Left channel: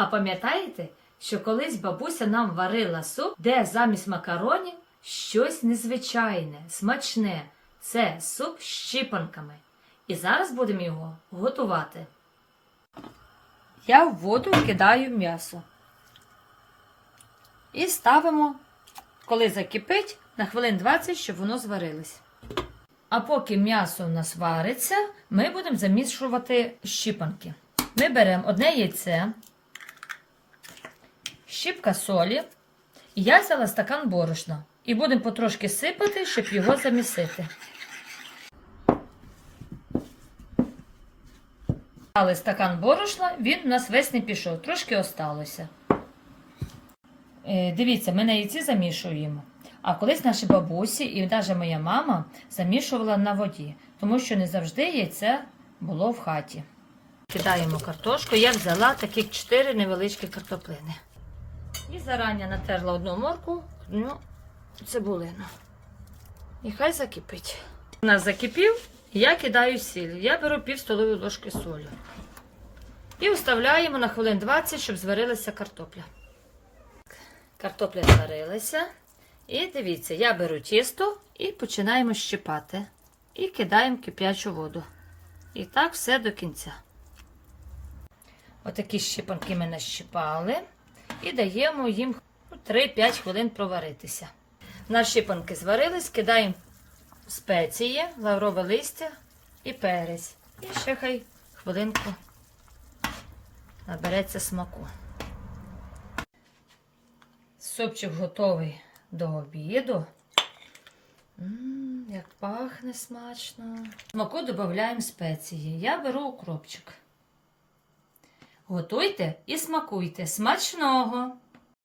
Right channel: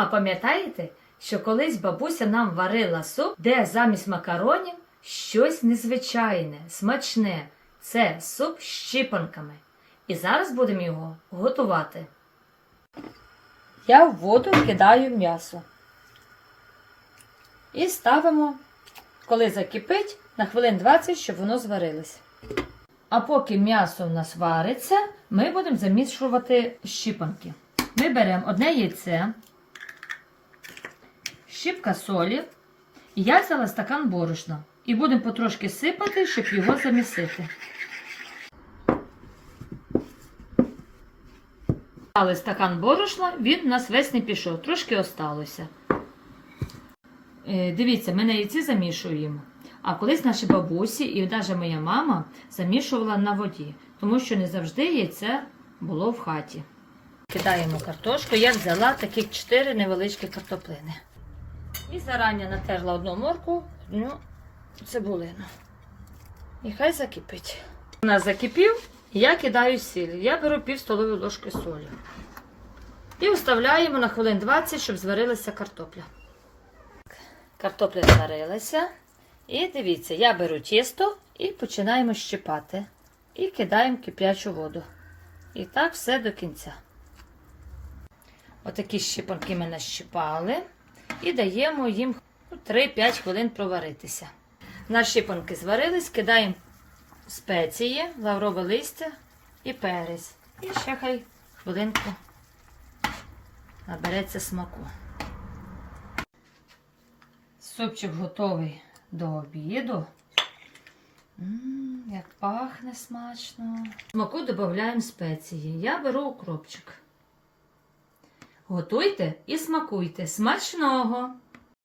А пам'ятаєте, що колись бабуся нам варила суп, де замість макаронів щось незвичайне, смачне. Це суп з щипанками. І зараз будемо його готувати. Я в воду кидаю м'ясо. І ставимо, коли закипить, на хвилин 20, щоб воно зварилось. А поки м'ясо у нас вариться, ми будемо замішувати щипанки. Ми беремо одне яйце, щіпка солі, і я взяла стакан борошна. І будемо потрошки сипати, щоб його замісити. Дали стакан борошна, він у нас весь не пішов, трошки осталося. Е, Дивіться, ми на яйці замішуємо. А колись наші бабусі і навіть моя мама замішувала на воді, тому що не завжди яйце було в хаті. Кидаємо картошку. Я взяла таких 4 невеличкі картоплини. І зарані натерла одну морку, одну цибулину. І хай закипить. У нас закипів, я кидаю сіль. Я беру пів столової ложки солі. І вставляємо на хвилин 20, щоб зварилася картопля. Картопля зварилася. І дивіться, я беру тісто і починаємо щипати. І кидаємо кип'ячу воду. І так все до кінця. Отакі щипанки ми нащипали. І даємо їм 3-5 хвилин проваритися. Наші щипанки зварились, кидаємо спеції, лаврове листя і перець. І ще хай хвилинку набереться смаку. Супчик готовий до обіду. М, як пахне смачно. Смаку додаємо спеції. Я беру укропчик. Готуйте і смакуйте. Смачного!